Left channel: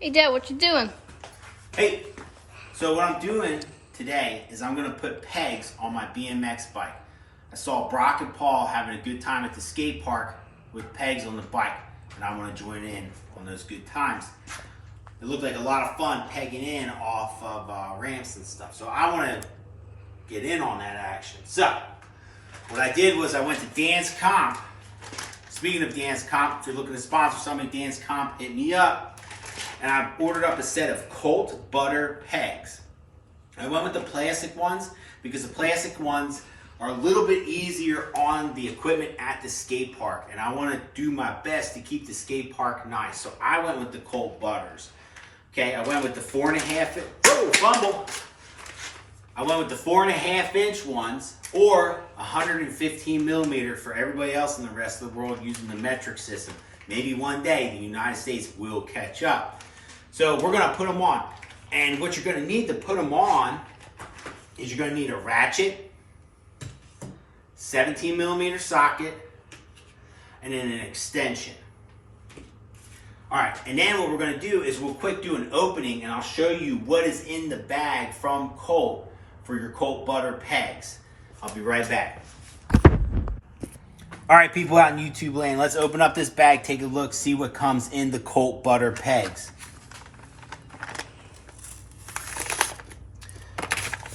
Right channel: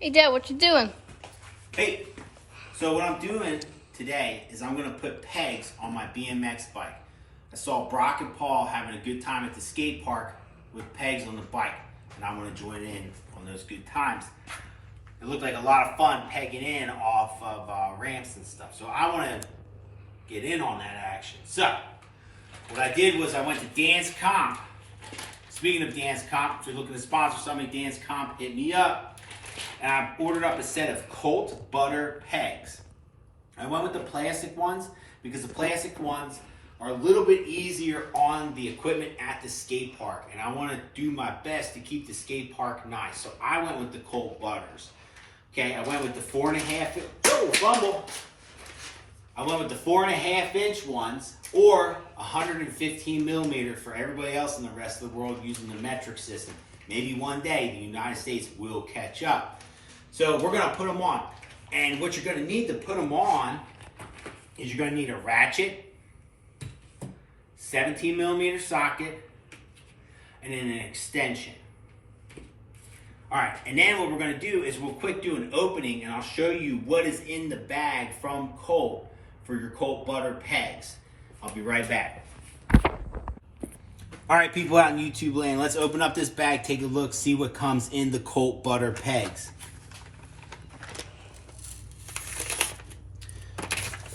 Hey Dad, what you doing? Hey, so what I'm doing today is I'm gonna put pegs on my BMX bike. I saw Brock and Paul having a good time at the skate park with pegs on the bike, and I wanna join in on those good times. It looked like a lot of fun pegging in off of ramps and stuff, so I wanna get in on that action. So, what I did was I went to Dance Comp. Speaking of Dance Comp, if you're looking to sponsor somebody, Dance Comp, hit me up. And I ordered up a set of Colt butter pegs. I went with the plastic ones because the plastic ones are a little bit easier on the equipment at the skate park. And I want to do my best to keep the skate park nice. So I went with the Colt butters. Okay, I went with the 4.5, fumble. I went with the 4.5 inch ones or 115 millimeter for everybody else in the rest of the world using the metric system. Maybe one day the United States will catch up. So we're gonna put them on. And what you're gonna need to put them on is you're gonna need a ratchet, 17 millimeter socket, and then an extension. All right, and then what we're gonna do is we'll quick do an opening and I'll show you what is in the bag from Colt for your Colt butter pegs. I'll be right back. All right, people out in YouTube land, let's open up this bag, take a look, see what comes in the Colt butter pegs.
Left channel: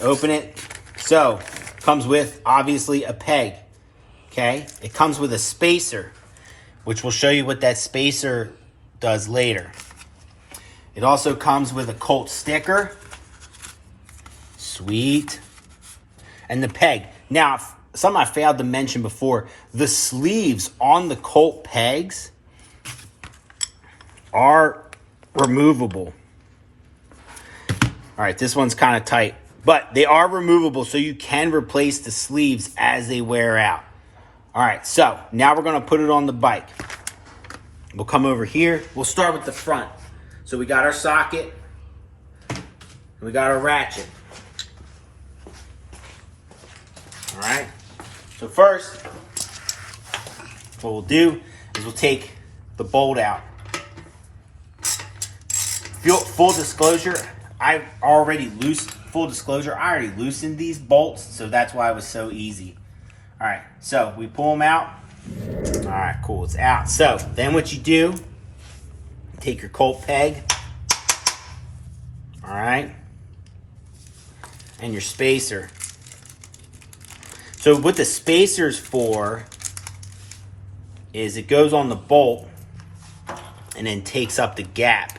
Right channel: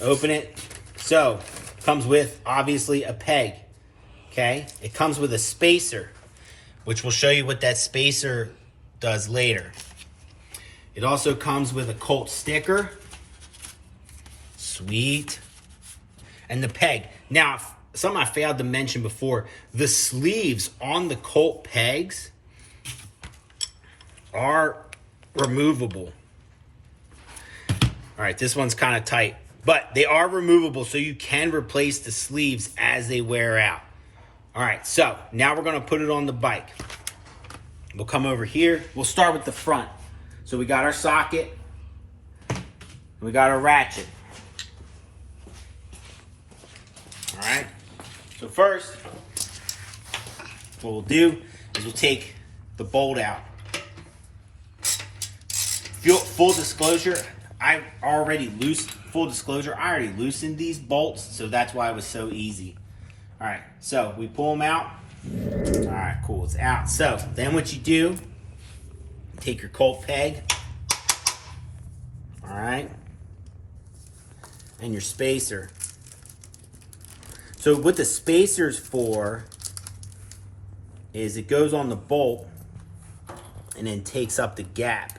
Open it. So, comes with, obviously, a peg, okay? It comes with a spacer, which will show you what that spacer does later. It also comes with a Colt sticker. Sweet. And the peg. Now, something I failed to mention before, the sleeves on the Colt pegs are removable. All right, this one's kind of tight, but they are removable, so you can replace the sleeves as they wear out. All right, so now we're gonna put it on the bike. We'll come over here. We'll start with the front. So we got our socket, we got our ratchet. All right. So first, what we'll do is we'll take the bolt out. Full disclosure, I already loosened these bolts, so that's why it was so easy. All right, so we pull them out. All right, cool, it's out. So then what you do, take your Colt peg, all right, and your spacer. So what the spacer's for is it goes on the bolt and then takes up the gap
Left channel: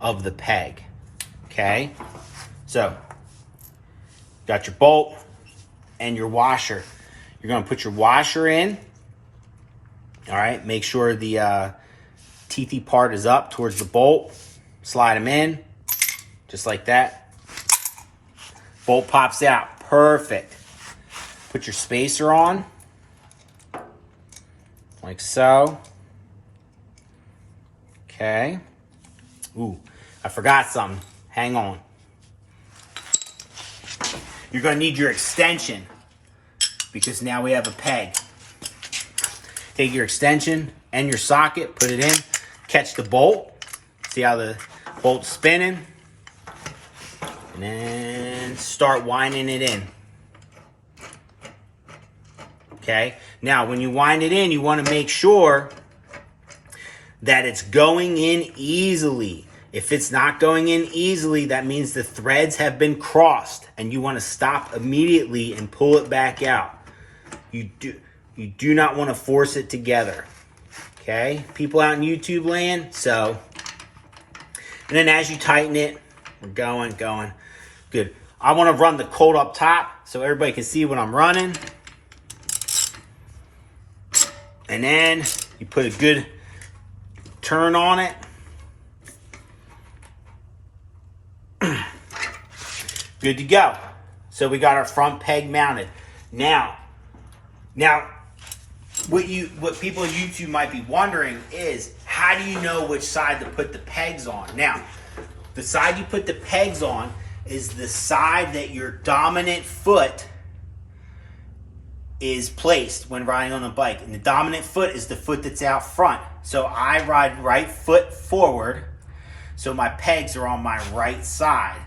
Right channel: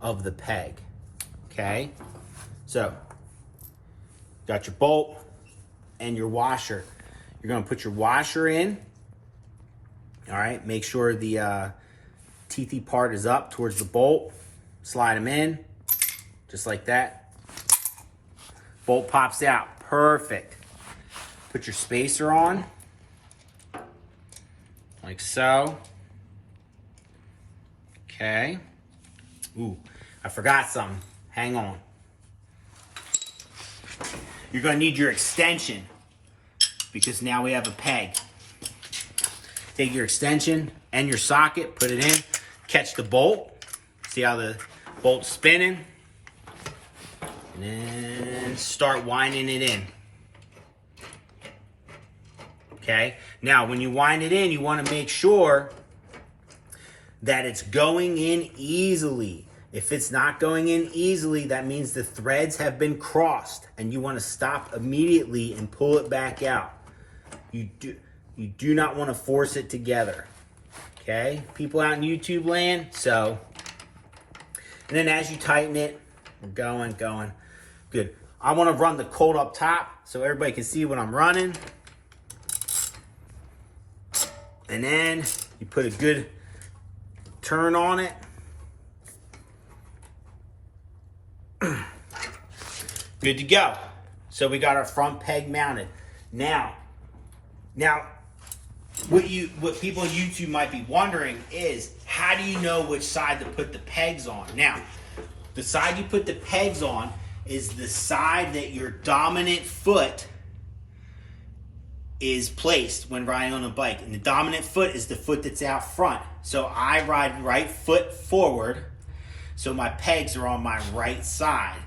of the peg, okay? So, got your bolt and your washer. You're gonna put your washer in, all right? Make sure the teethy part is up towards the bolt. Slide them in, just like that. Bolt pops out, perfect. Put your spacer on, like so. Okay. Ooh, I forgot something. Hang on. You're gonna need your extension because now we have a peg. Take your extension and your socket, put it in, catch the bolt. See how the bolt's spinning? And then start winding it in. Okay, now when you wind it in, you want to make sure that it's going in easily. If it's not going in easily, that means the threads have been crossed and you want to stop immediately and pull it back out. You do not want to force it together. Okay, people out in YouTube land, so. And then as you tighten it, we're going, good. I want to run the Colt up top so everybody can see what I'm running. And then you put a good turn on it. Good to go. So we got our front peg mounted. Now, what people on YouTube might be wondering is, how do you know which side to put the pegs on? Now, the side you put the pegs on is the side that your dominant foot is placed when riding on a bike. And the dominant foot is the foot that's out front. So I ride right foot forward. So my pegs are on my right side.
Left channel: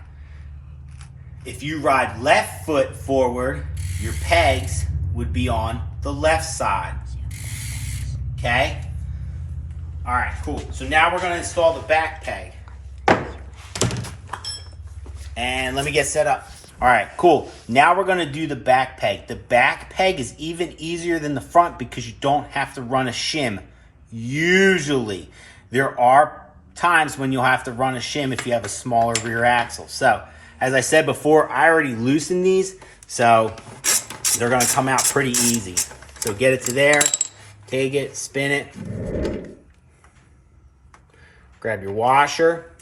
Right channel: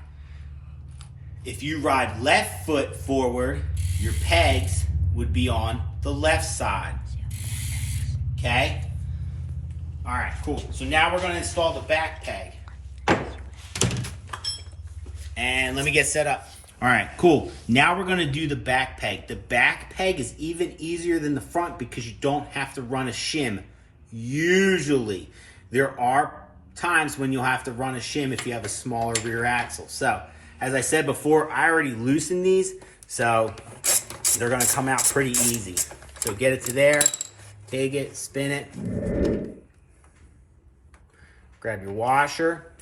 If you ride left foot forward, your pegs would be on the left side. Okay? All right, cool. So now we're going to install the back peg. And let me get set up. All right, cool. Now we're going to do the back peg. The back peg is even easier than the front because you don't have to run a shim. Usually, there are times when you'll have to run a shim if you have a smaller rear axle. So, as I said before, I already loosened these, so they're going to come out pretty easy. So get it to there, take it, spin it, grab your washer,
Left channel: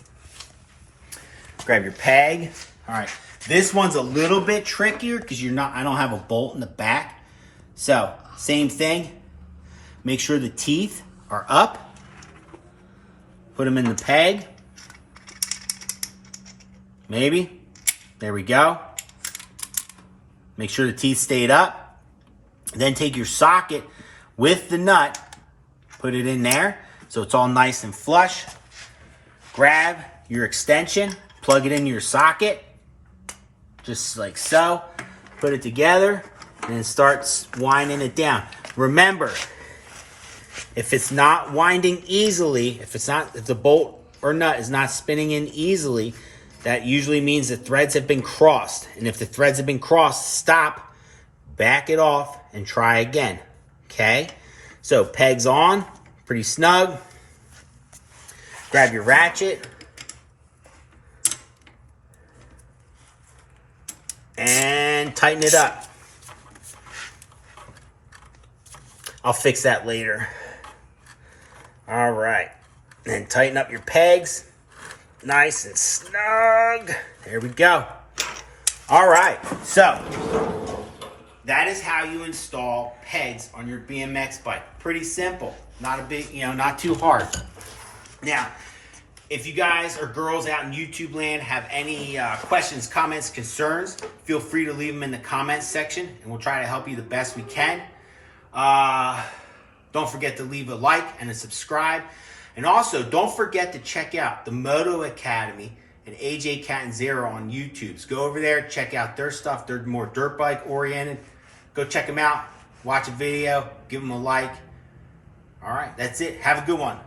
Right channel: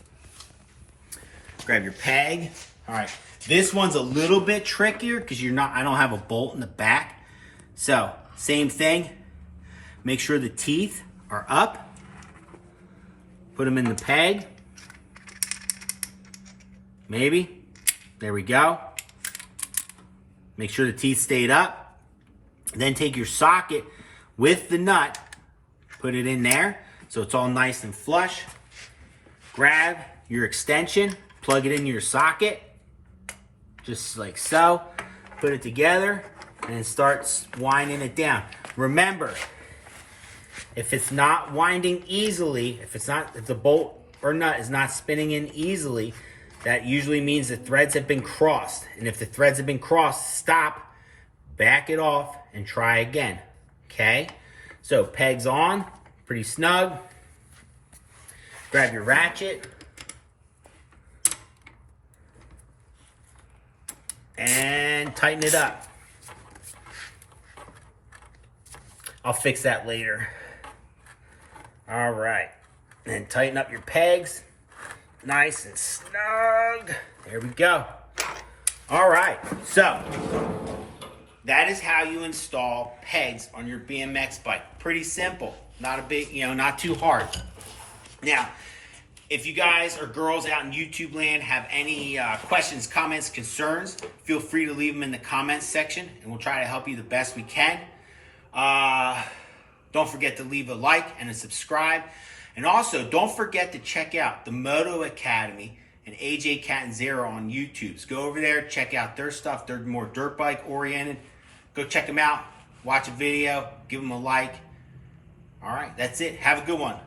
grab your peg. All right, this one's a little bit trickier because I don't have a bolt in the back. So same thing, make sure the teeth are up, put them in the peg, maybe, there we go. Make sure the teeth stayed up. Then take your socket with the nut, put it in there so it's all nice and flush. Grab your extension, plug it into your socket, just like so. Put it together and start winding it down. Remember, if it's not winding easily, if the bolt or nut is not spinning in easily, that usually means the threads have been crossed. And if the threads have been crossed, stop, back it off, and try again. Okay? So pegs on, pretty snug. Grab your ratchet. And tighten it up. I'll fix that later. All right. And tighten up your pegs. Nice and snug. There we go. All right. So that is how you install pegs on your BMX bike. Pretty simple. Not a big, not too hard. Now, if you guys or girls out in YouTube land have any questions, comments, concerns, feel free to leave them in the comments section, and we'll try to help you the best we can. Don't forget to leave a like and a subscribe. And also, don't forget to check out the Moto Academy and AJ Catanzaro on YouTube. So go over there, check out their stuff. They're more dirt bike oriented. Go check them out, watch a video, give them a like. All right, that's it. Have a good one.